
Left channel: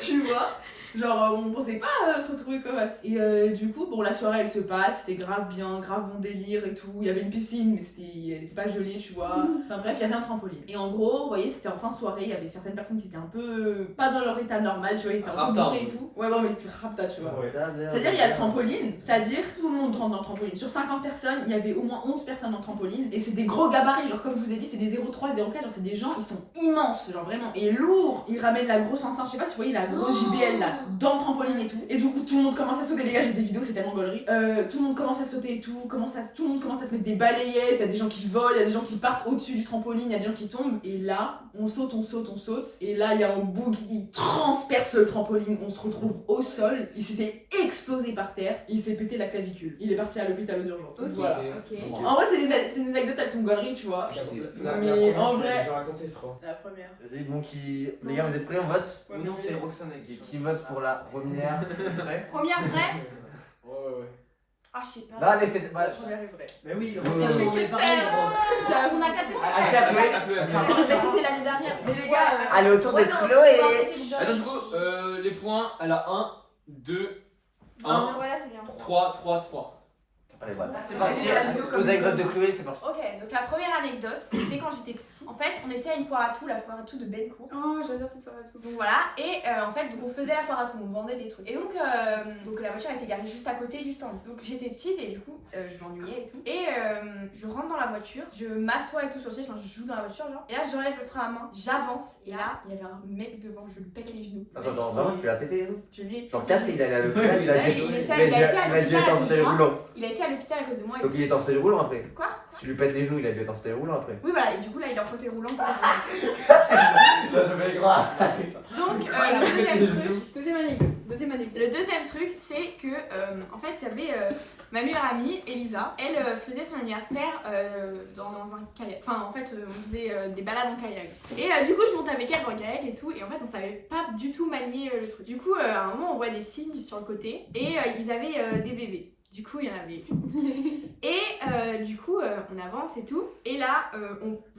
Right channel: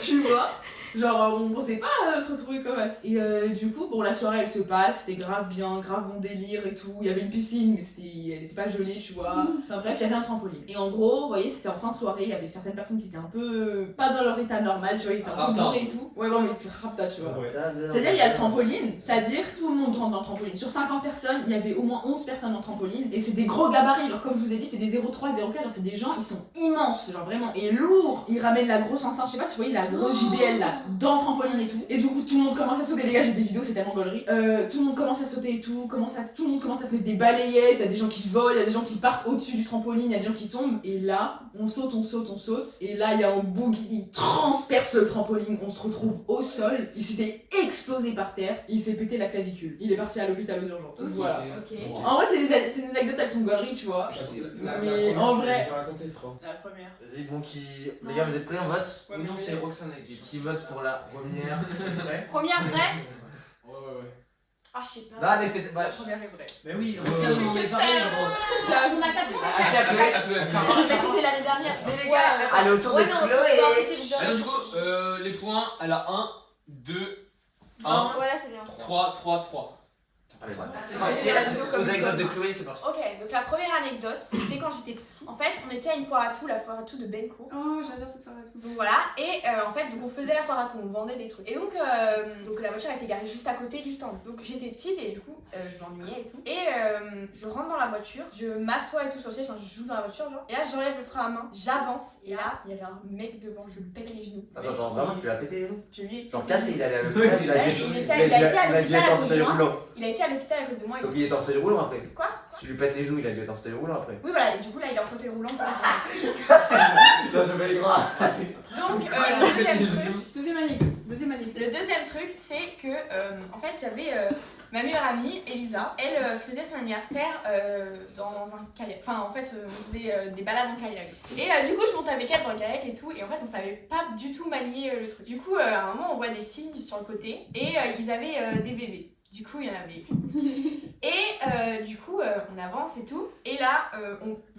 tu vois. Genre, on pensait pas se retrouver comme ça. Et du coup, bon, la soirée elle se passe, c'était grave bien, grave bon délire et tout. Il y avait une piscine, mais elle était pas gelée, tu vois. Enfin bref, il y avait un trampoline. Et en gros, vous voyez, c'était en fin de soirée, il y avait certaines personnes qui étaient un peu pas dans leur état normal, tu vois, ils étaient un peu bourrés et tout. Ouais, bon, mais c'était rapta, tu vois. C'est-à-dire, il y a le trampoline, c'est-à-dire tout le monde rentre dans le trampoline. Sur 50 personnes, il y avait au moins 11 personnes dans le trampoline. Et c'est des gros gabarits, genre comme je vous ai dit, c'est des 0,3, 0,4, genre c'est des gens, ils sont immenses, genre vraiment. Et lourds, ils ramènent la grosse enceinte, je sais pas si vous voyez la grosse JBL là, dans le trampoline et tout. Et du coup, tout le monde commence à sauter, les gars, j'ai des vidéos, c'est tellement gaulerie. Tout le monde commence à sauter et tout, tout le monde commence à se mettre des balayettes, il y a des gens qui volent, il y a des gens qui partent au-dessus du trampoline, il y a des gens qui tombent. Et là, on saute. Et là, il y a un bug, il transperce le trampoline, on se retrouve au sol, il s'était explosé par terre, et il s'est pété la clavicule. Il est parti à l'hôpital aux urgences. Voilà. Ok. En vrai, c'est des anecdotes avec son gaulerie, tu vois. Mais en vrai. J'ai raconté, frère. La première. Vas-y, bon, qui. Les gars, vous êtes prêts, on vote? Ouais, non, c'est Roxane avec Qui vote pour la première? Première vraie. Ouais. Ah, je sais pas. Là, mais c'était pas. La première est vraie. Mais oui, Ouais. Roxane, on est pareil, gros. On a 4 Mais c'était l'année dernière. Mais les gars, Allez, autour de Chloé. Attends, du coup, les points, elle a 1, 2, 1, Voilà, c'est bien. 3, 3, 3. Allez, voilà. C'est Parti, comme aux anecdotes de Chloé, c'est parti. Ok, donc la première anecdote, c'était quand j'étais petite. En fait, on était à une foire à tout, la foire à tout de Bencourt. Oh, j'adore cette foire à tout. Donc voilà, et en fait, donc on faisait la foire à tout, on vendait des trucs. Et donc la voiture était garée juste à côté du stand. Donc j'étais petite et du coup, je m'ennuyais et tout. Et je rentre dans la voiture, je m'assois et tout sur le siège, enfin je joue dans la voiture genre. Et là, j'enlève le frein à main, j'avance. Et là, il y avait un mec devant, je lui pète les genoux. Attends, genre vraiment, tu l'as pété, nous? Je lui ai Genre pété cassé, les il allait à genoux. l'hôpital, il a Là, jeté. il était à l'hôpital à cause de moi. roulant. Il a été à l'hôpital à cause de moi et Donc tout. il est en fauteuil roulant après. Quoi? Si tu lui pètes les genoux, il a dû être en fauteuil roulant après. Oui, voilà, et du coup, là, il est en fauteuil roulant pour Non, je vais les gras. C'est ça. Donc, le deuxième truc. Deuxième anecdote. Le deuxième truc, c'est que, en fait, j'avais ma meilleure amie, Elisa. Elle faisait son anniversaire dans un kayak. Enfin, en fait, on faisait des balades en kayak. Et du coup, je monte avec elle dans le kayak et tout. Et en fait, on savait pas du tout manier le truc. Du coup, à un moment, on voit des signes sur le côté. Et ils avaient des bébés. Du coup, il y en avait. Et du coup, on avance et tout. Et là,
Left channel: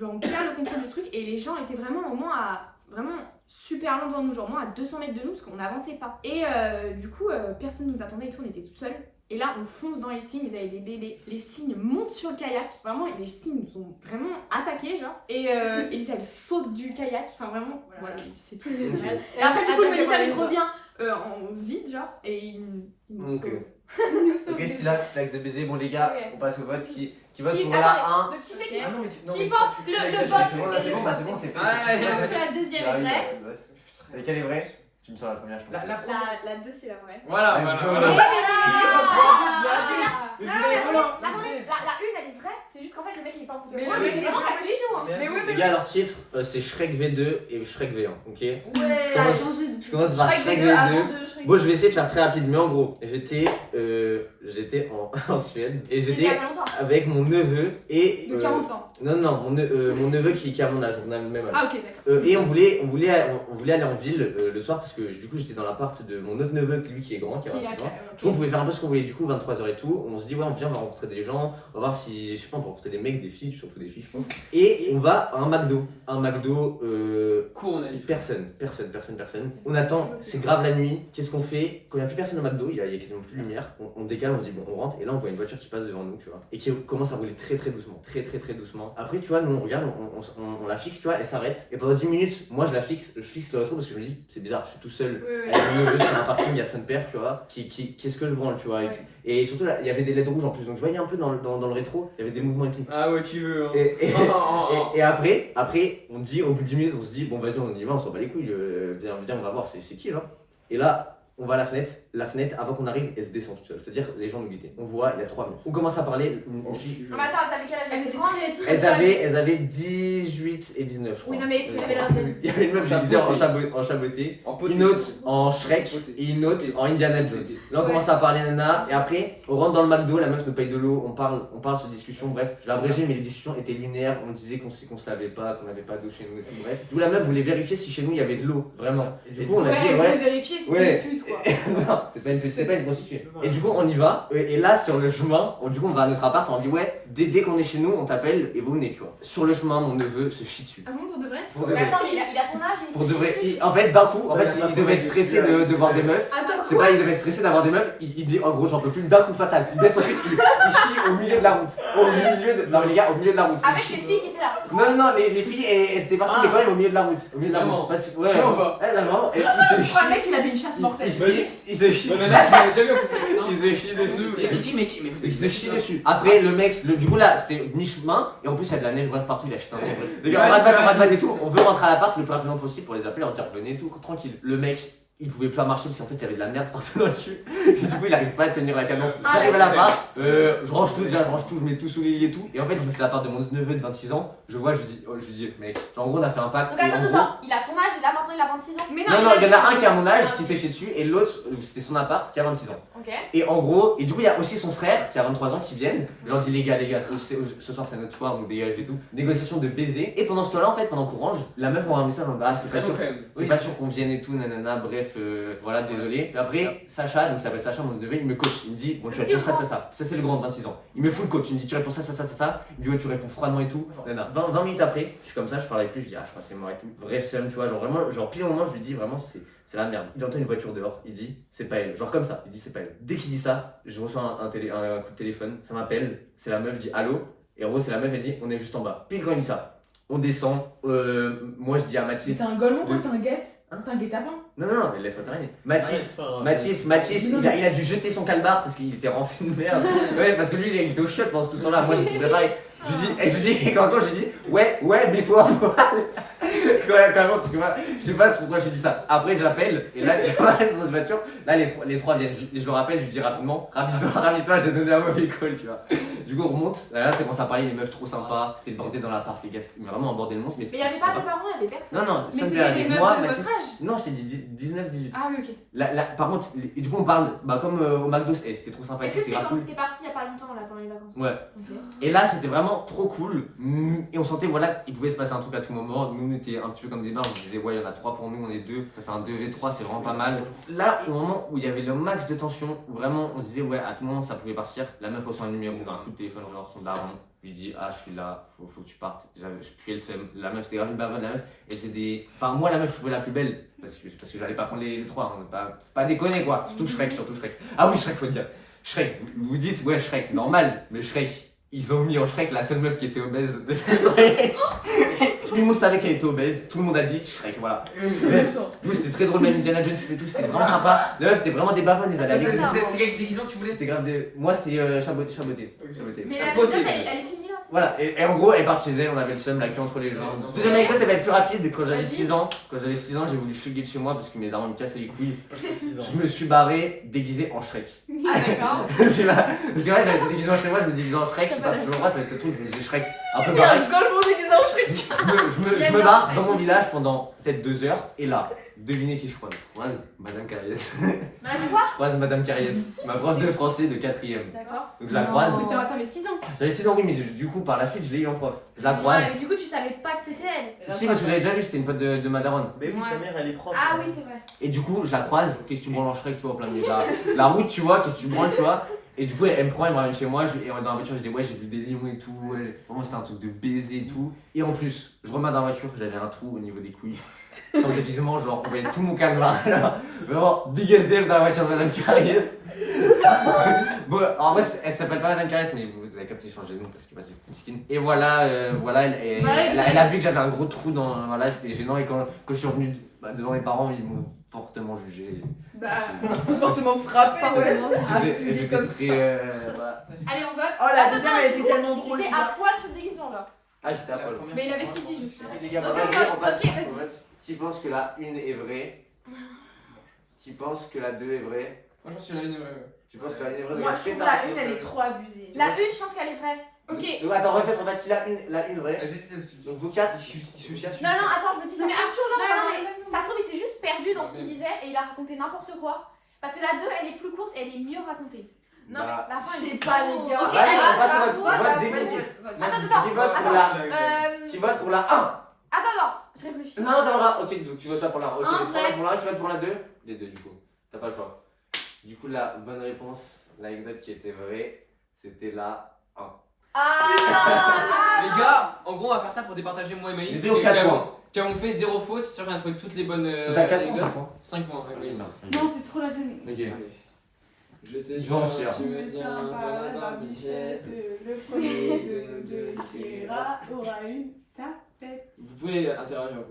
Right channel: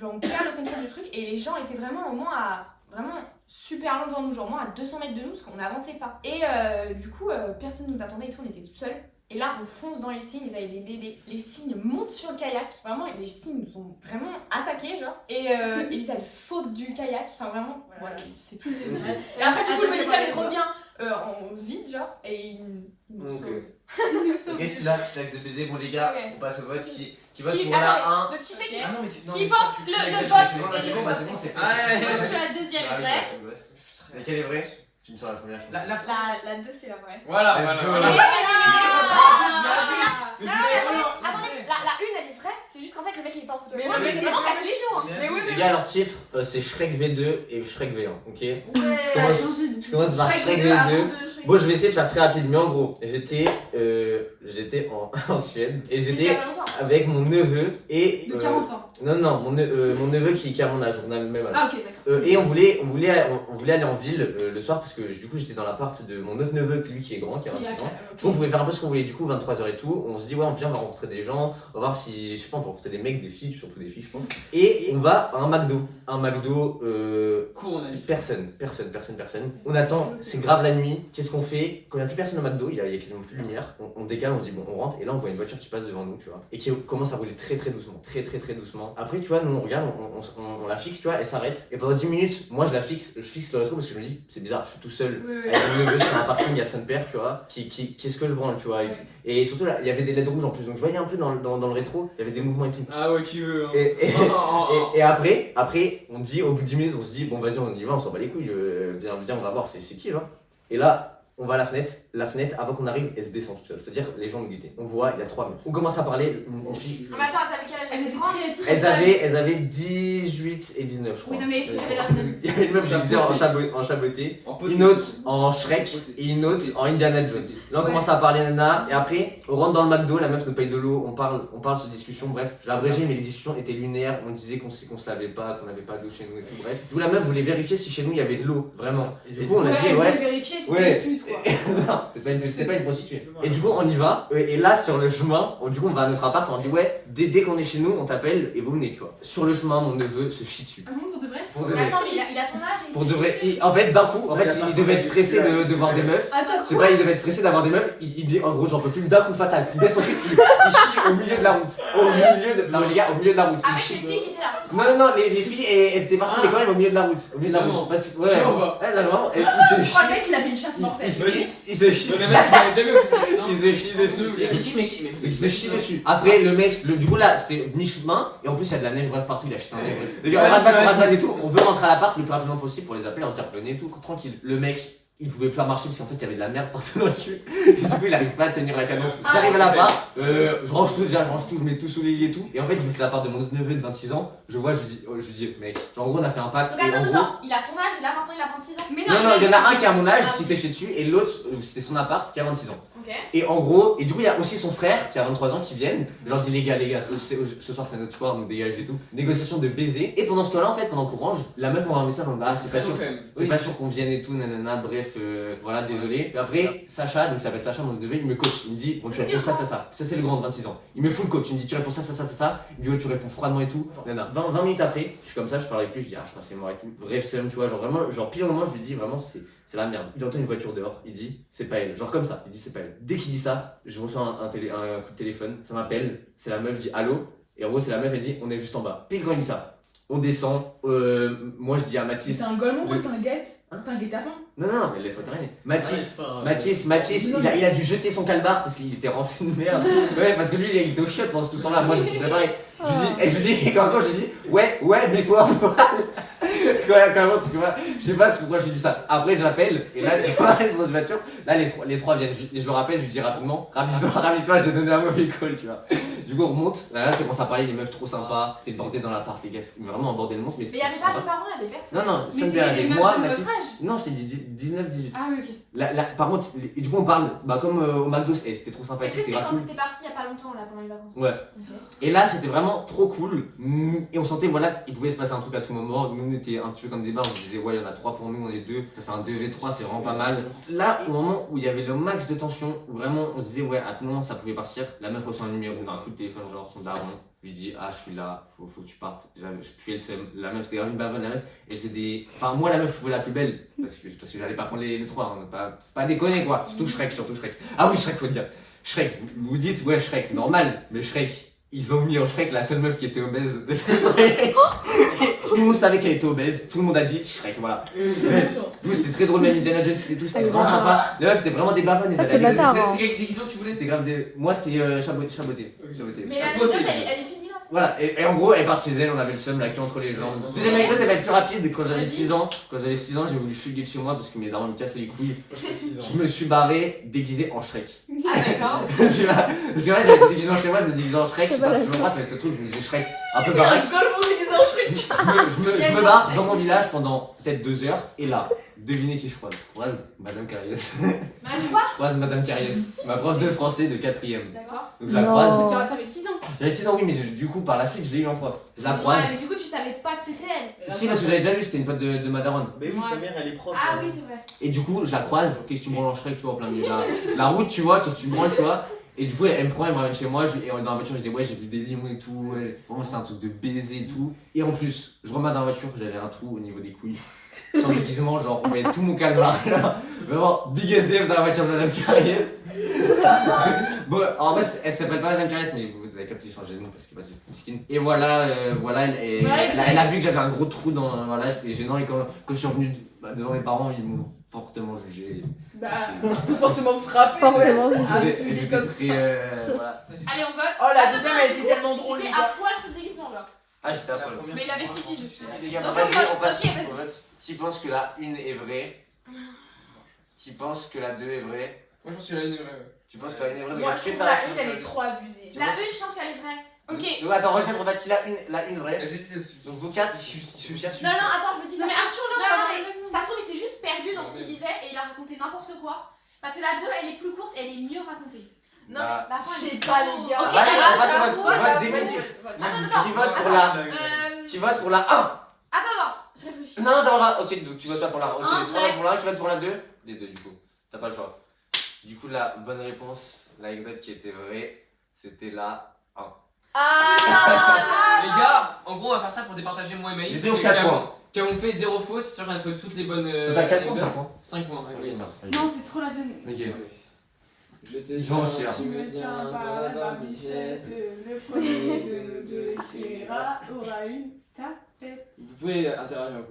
on perd le contrôle du truc. Et les gens étaient vraiment au moins à... Vraiment super loin devant nous, genre moins à 200 mètres de nous, parce qu'on n'avançait pas. Et du coup, personne nous attendait et tout, on était tout seuls. Et là, on fonce dans les cygnes, ils avaient des bébés. Les cygnes montent sur le kayak. Vraiment, les cygnes nous ont vraiment attaqués, genre. Et Elisa, elle saute du kayak. Enfin, vraiment, voilà, c'est tout les énerves. Et après, du coup, le moniteur, il revient en vide, genre, et il nous sauve. Il nous sauve. Et c'est là que baiser. Bon, les gars, on passe au vote. Qui vote pour la 1 Qui c'est qui Ah non, mais tu. Qui pense le vote C'est bon, c'est fait. Parce que la deuxième est vraie. Laquelle est vraie? Tu me sens la première, je pense. La 2, c'est la vraie. Voilà, Let's go. voilà. La 1, elle est vraie, c'est juste qu'en fait, le mec, il est pas en photo. Mais Ouais, non, mais mais c'est vraiment cassé les genoux. Hein. Mais oui, Les gars, leur titre, c'est Shrek V2 et Shrek V1, ok? Ça a changé du Je coup. commence par Shrek V2. Bon, je vais essayer de faire très rapide, mais en gros, j'étais en Suède et C'était il y j'étais a pas longtemps. avec mon neveu et. De 40 ans. Non, mon neveu qui a mon âge, on a le même âge. Ah ok, d'accord. Et on voulait aller en ville le soir parce que du coup j'étais dans l'appart de mon autre neveu, lui qui est grand, qui a 26 ans. Du coup on pouvait faire un peu ce qu'on voulait, du coup 23h et tout. On se dit ouais on vient, on va rencontrer des gens, on va voir si, je sais pas, on va rencontrer des mecs, des filles, surtout des filles je pense. Et on va à un McDo, Cours, on a dit. personne. On attend, c'est grave la nuit, qu'est-ce qu'on fait? Quand il n'y a plus personne au McDo, il y a quasiment plus de lumière, on décale, on se dit bon on rentre et là on voit une voiture qui passe devant nous, tu vois, et qui commence à rouler très doucement. Après tu vois, nous on regarde, on la fixe, tu vois, elle s'arrête et pendant 10 minutes, moi je fixe le rétro parce que je me dis c'est bizarre, je suis tout seul avec mon neveu sur un parking à son père, tu vois, qu'est-ce que je branle, tu vois, et surtout là, il y avait des LED rouges en plus, donc je voyais un peu dans le rétro, il y avait des mouvements et tout. Ah ouais, qui veut. Et après, on dit, au bout de 10 minutes, on se dit, bon vas-y, on y va, on s'en bat les couilles, viens, on va voir, c'est qui, genre. Et là, on va à la fenêtre, avant qu'on arrive, elle se descend toute seule, c'est-à-dire les gens nous guettaient. On voit, il y a 3 meufs. On commence à parler, une fille. Non, mais attends, t'avais quel âge? Elles étaient très Elles avaient 18 et 19, je crois. Oui, non, mais est-ce que ça avait l'air Il y avait une meuf, je disais, en chaboté, une autre en Shrek et une autre en Indiana Jones. Là, on commence à parler, nana, et après, on rentre dans le McDo, la meuf nous paye de l'eau, on parle sur discussion, bref. Je l'ai abrégé, mais les discussions étaient lunaires, on disait qu'on se lavait pas, qu'on n'avait pas d'eau chez nous et tout, bref. D'où la meuf voulait vérifier si chez nous il y avait de l'eau, vraiment. Et du coup, on a dit, elle voulait ouais. vérifier si Ouais. c'était une pute quoi. Non, c'est pas une prostituée. Et du coup, on y va. Et là, sur le chemin, du coup, on va à notre appart. On dit, ouais, dès qu'on est chez nous, on t'appelle et vous venez, tu vois. Sur le chemin, mon neveu se chie dessus. Ah bon, pour de vrai? Pour de Mais vrai. attends, mais il a ton âge et Pour de vrai. En fait, d'un coup, il devait être stressé de voir des meufs. Attends, Je sais pas, il devait être stressé d'avoir des meufs. Il dit, en gros, j'en peux plus. D'un coup fatal. Il baisse ensuite, il chie au milieu de la route. Non, mais les gars, au milieu de la route. avec Il les chie. filles qui étaient là. Non, les filles, elles étaient parties, mais quand même au milieu de la route. Au milieu de la Vraiment. route. Parce que, ouais. Vraiment pas. Ouais, non, vraiment. Et il se Je crois chie. mec il avait une chasse mortelle. Il se chie. Ouais, mais là, vous avez déjà vu au plus de Il se chie dessus. mais Il se chie dessus. Après, le mec, du coup là, c'était mi-chemin, et en plus il y a de la neige, bref, partout, il a jeté un nez. Les gars, on va se battre et tout. On veut rentrer à l'appart le plus rapidement possible pour les appeler, leur dire venez et tout, tranquille. Le mec, il pouvait plus marcher parce qu'en fait il y avait de la merde partout dans le cul. Et du coup, il arrive pas à tenir la cadence. J'arrive à l'appart, je range tout, je mets tout sous les lits et tout. Et en fait, vu que c'est l'appart de mon neveu de 26 ans, je lui dis, mec, genre en gros, on a fait un pacte. Donc Et en attends, gros, il a ton âge et là maintenant il a 26 ans. Mais non, il y en a un qui a mon âge qui s'est chié dessus et l'autre, c'était son appart qui a 26 ans. Ok. Et en gros, et du coup, il y a aussi son frère qui a 23 ans qui viennent. Je leur dis, les gars, ce soir c'est notre soir, donc dégage et tout. Négociation de baiser. Et pendant ce temps-là, en fait, pendant qu'on range, la meuf m'envoie un message en mode, ah, c'est pas sûr qu'on vienne et tout, nanana, bref, voilà, désolé. Et après, Sacha, donc il s'appelle Sacha, mon neveu, il me coach. Il me dit, bon, tu réponds ça. Ça c'est le grand de 26 ans. Il me fout le coach. Il me dit, tu réponds ça. Il me dit, ouais, tu réponds froidement et tout. Nana. 20 minutes après, je suis comme ça, je parle avec lui, je dis, ah, je crois que c'est mort et tout. Vrai seum, tu vois, genre vraiment, genre pile au moment, je lui dis, vraiment, c'est la merde. Il entend une voiture dehors, il dit c'est pas elle. Genre comme ça, il dit c'est pas elle. Dès qu'il dit ça, je reçois un coup de téléphone, ça m'appelle, c'est la meuf, dit allô. Et en gros, c'est la meuf, elle dit on est juste en bas. Pile quand il dit ça, on descend. Moi je dis à Mais Mathis. c'est un golemon quoi, c'est un guette? C'est un guet-apens? Non, mais laisse-moi terminer. Mathis, il a dû jeter son calbar parce qu'il était rempli de merde. Ouais, parce que lui il était au chiottes pendant tout ce temps-là. Moi j'étais préparé. Je lui dis, quand je lui dis, ouais, mets-toi à poil. Quand même, parce que moi, je sais pas pourquoi je lui dis ça. Après, je l'appelle, et là, tu vois, dans cette voiture, là, les trois viennent. Je le rappelle, je lui dis rapidement, rhabille-toi, je t'ai donné un mauvais call, tu vois. Du coup, on remonte, là, c'est quand ça parlait, les meufs trop sympas, c'était le bordel dans l'appart, les gars, c'était vraiment un bordel monstre. Mais il y avait pas de parents, il y avait personne. Non, Mais ça me c'était fait des aller. meufs Moi, de Mathis. votre âge? Non, je t'ai dit 19-18. Ah oui, ok. Par contre, et du coup, on parle, comme au McDo, c'était trop sympa, Est-ce que c'était c'était grave quand cool. t'étais parti il y a pas longtemps là pendant les vacances? Ouais. Ok. Et là, c'était vraiment trop cool. Et on sentait, voilà, il pouvait se passer un truc à tout moment. Nous, on était un petit peu comme des barres. On se disait, ouais, il y en a 3 pour nous, on est 2. Ça fait un 2v3, c'est vraiment pas mal. Là, au moment où il y avait le max de tension, où vraiment, on se disait, ouais, à tout moment, ça pouvait partir. La meuf reçoit un numéro, un coup de téléphone, genre son daron. Lui dit, ah, je suis là, faut que tu partes. Je puais le seum. La meuf, c'était grave une bavonne, la meuf. Et c'est des. Enfin, moi, la meuf, je trouvais la plus belle. Parce que j'allais pas prendre les 3. On pas déconner, quoi. Surtout Shrek. Ah oui, Shrek, faut dire. Shrek, vous vous dites, ouais, Shrek, normal, mais Shrek, ils ont mis en Shrek la seule meuf qui était obèse de cette truc. Tout le monde savait qu'elle était obèse, tout le monde a dit Shrek, voilà. Bref, du coup, c'était très drôle, même Indiana Jones, c'était tout, c'était vraiment sympa. Les meufs, c'était vraiment des bafonnes, ils allaient C'est quel déguisement que tu voulais? C'était grave des. Moi, c'était chaboté. Mais la anecdote, elle est finie là. Voilà, et en gros, elle part chez elle, on avait le seum, la queue entre les jambes. Deuxième anecdote, elle va être plus rapide. Quand j'avais 6 ans, j'ai voulu fuguer de chez moi parce que mes darons me cassaient les couilles. Je me suis barré déguisé en Shrek. Ah d'accord. C'est vrai, j'avais été déguisé en chez moi, je me déguisais en Shrek, je sais pas, je me passe avec ce truc, je me disais Shrek, un peu baraque. Je me barre dans mon village pendant peut-être 2 heures, et là, devinez qui je croise. Je croise Madame Carriès. Madame quoi? Je croise Madame Carriès, ma prof de français de 4ème. D'accord. Donc je la croise. T'avais 6 ans. J'avais 6 ans, oui, mais du coup, par la suite, je l'ai eu en prof. Je la croise. Mais du coup, tu savais pas que c'était elle. Si, parce que j'avais déjà vu, c'était une pote de ma daronne. Mais oui, sa mère elle est prof. Ah oui, c'est vrai. Et du coup, je la croise, qu'est-ce que tu branles en Shrek, tu vois, en plein milieu de la route, tu vois, qu'est-ce que tu branles, tu vois. Et du coup, elle me prend, elle me ramène chez moi, et dans la voiture, je dis ouais, j'ai vu des lions et tout, ouais. Vraiment, c'était un truc de baiser et tout. Et en plus, je remets dans la voiture, j'avais un trou au niveau des couilles. Sans déguisement, genre, on voyait tout mon calmar là. Vraiment, big SDF dans la voiture de Madame Carriès. Bon, en vrai, elle s'appelle pas Madame Carriès, mais vous avez capté changer de nom parce que bah, c'est miskin. Et voilà, elle a vu que j'avais un gros trou dans. Voilà, c'était gênant. Et quand je suis revenu devant mes parents, ils m'ont fortement jugé. Bah, forcément frappé. Forcément. J'étais très. Voilà. Allez, on vote. Oh, la deuxième, elle était tellement drôle. Il était à poil ce déguisement là. Ah, j'étais à poil. Mais il avait 6 piges aussi. Les gars, Ok, vas-y, vote, on passe ok, vas-y. au vote. Qui pense que la 1 est vraie? Qui pense que la 2 est vraie? Moi, je pense que la une est vraie. Tu penses que la 1 est vraie? Moi, je trouve que la une, elle est trop abusée. La 1, je pense qu'elle est vraie. Ok. Donc attends, refaites qui la 1 vraie. J'étais dessus. Donc vous 4, je suis Non, non, attends, je me dis ça. Mais Arthur, là, Non, on non, va mais voir ça se trouve, il s'est juste perdu dans ce qu'il disait et il a raconté n'importe quoi. Parce que la 2, elle est plus courte et elle est mieux racontée. Non, Bah, mais la fin, je elle sais est pas, trop- les gars. Ok, Vas-y, alors, on passe au je vote. vote. Vote définitif. Attends, Qui vote pour la Qui vote pour la 1? Attends, je réfléchis. Non, t'as pour la. Ok, donc tu votes pas pour la 1. Ok, Un, les 3 vrai. votent pour la 1, tu votes pour la 2? Les 2 du coup. T'as pas le choix. Du coup, la bonne réponse, l'anecdote qui était vraie, c'était la 1. Ah, Les gars, en gros, on va faire ça pour départager moi et Maïs. Les 0 4 points. Qui avons fait 0 faute, c'est sûr qu'on a trouvé toutes les bonnes. T'as 4 points, anecdotes. 5 points. 5 points, ouais, Maïs. Non, c'est trop la gêne. Ok. Allez. Je te Je vais en suivre. tu me tiens par la barbichette. le premier de nous deux qui ira aura une tapette. Vous pouvez interagir un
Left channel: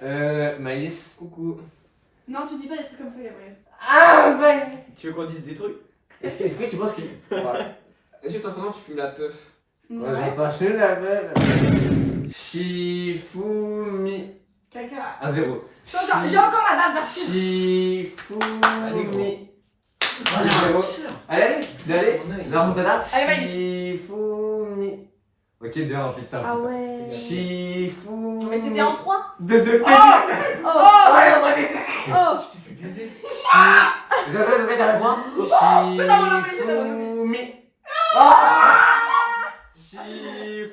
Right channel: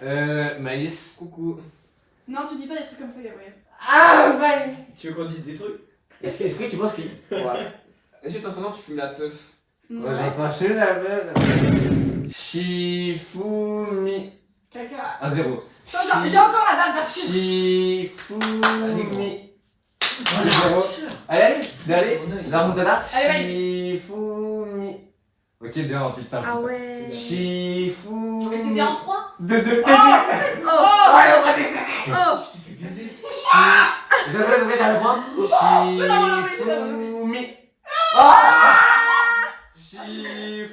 peu. Maïs. Coucou. Non, tu dis pas des trucs comme ça, Gabriel. Ah, bah. Tu veux qu'on dise des trucs? Est-ce que tu penses qu'il. Voilà. Est-ce que ton nom, tu fumes la puff? Ouais, j'entends chez la belle. Shifumi. Caca. 1-0. J'ai encore la bave version. Shifumi. Voilà. Allez, vous allez. La remontada. Allez, Maïs. Shifumi. Ok, dehors, putain. Ah ouais. Shifumi. mais c'était en 3. De baiser. Oh. Ouais, on va baiser. Oh. Vous avez un point. Shifumi. Ah. Shifumi.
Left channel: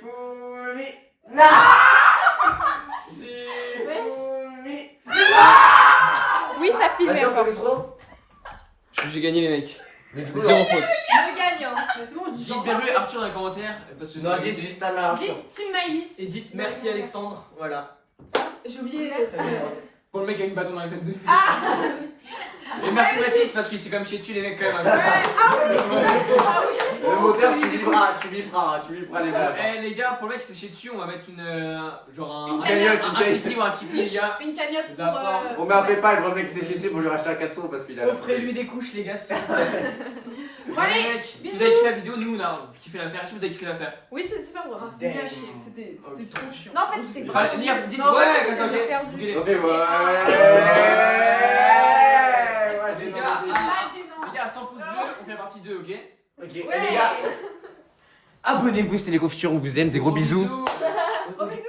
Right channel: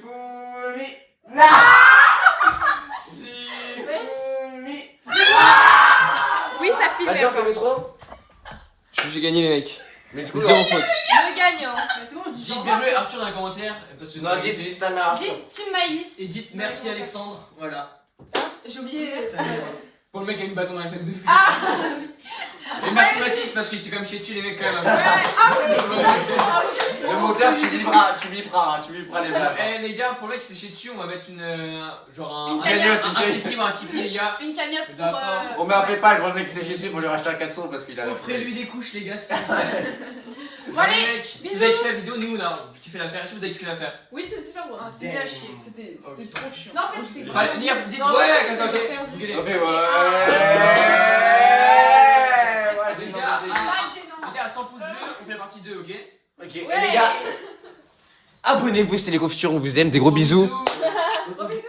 Shifumi. Oui, ça filme. Vas-y, on fait le trop. J'ai gagné les mecs. Mais du coup, 0 faute. Le gagnant. C'est bon, je dis Dites bien joué Arthur dans les commentaires. Parce que non, c'est dites ta mère. Dites Team Maïs. Et dites merci Alexandre, voilà. J'ai oublié. pour le mec qui a une bâton dans les fesses de. Ah. Et merci Mathis parce qu'il s'est quand même chié dessus les mecs quand même. Le moteur, tu biperas les blagues. Eh les gars, pour le mec qui s'est chié dessus, on va mettre une. Genre Une un cagnotte, un Tipeee ou un Tipeee les gars. Une cagnotte pour. D'accord. On met un PayPal pour le mec qui s'est chié dessus pour lui racheter un 400 parce qu'il a. Offrez-lui des couches les gars s'il vous plaît. Bon les mecs, si vous avez kiffé la vidéo, nous là, on kiffe l'affaire. Est-ce que vous avez kiffé l'affaire? Oui, c'est super drôle. C'était caché, c'était trop chiant. Non, en fait, c'était. Enfin, dites ouais, comme ça, ok. Vous gueulez. On fait ouais. Les gars, Ah, gênant. les gars, à 100 pouces bleus, on fait la partie 2, ok? Ok, les gars. Abonnez-vous, c'était les confitures, on vous aime, des gros bisous. Gros bisous.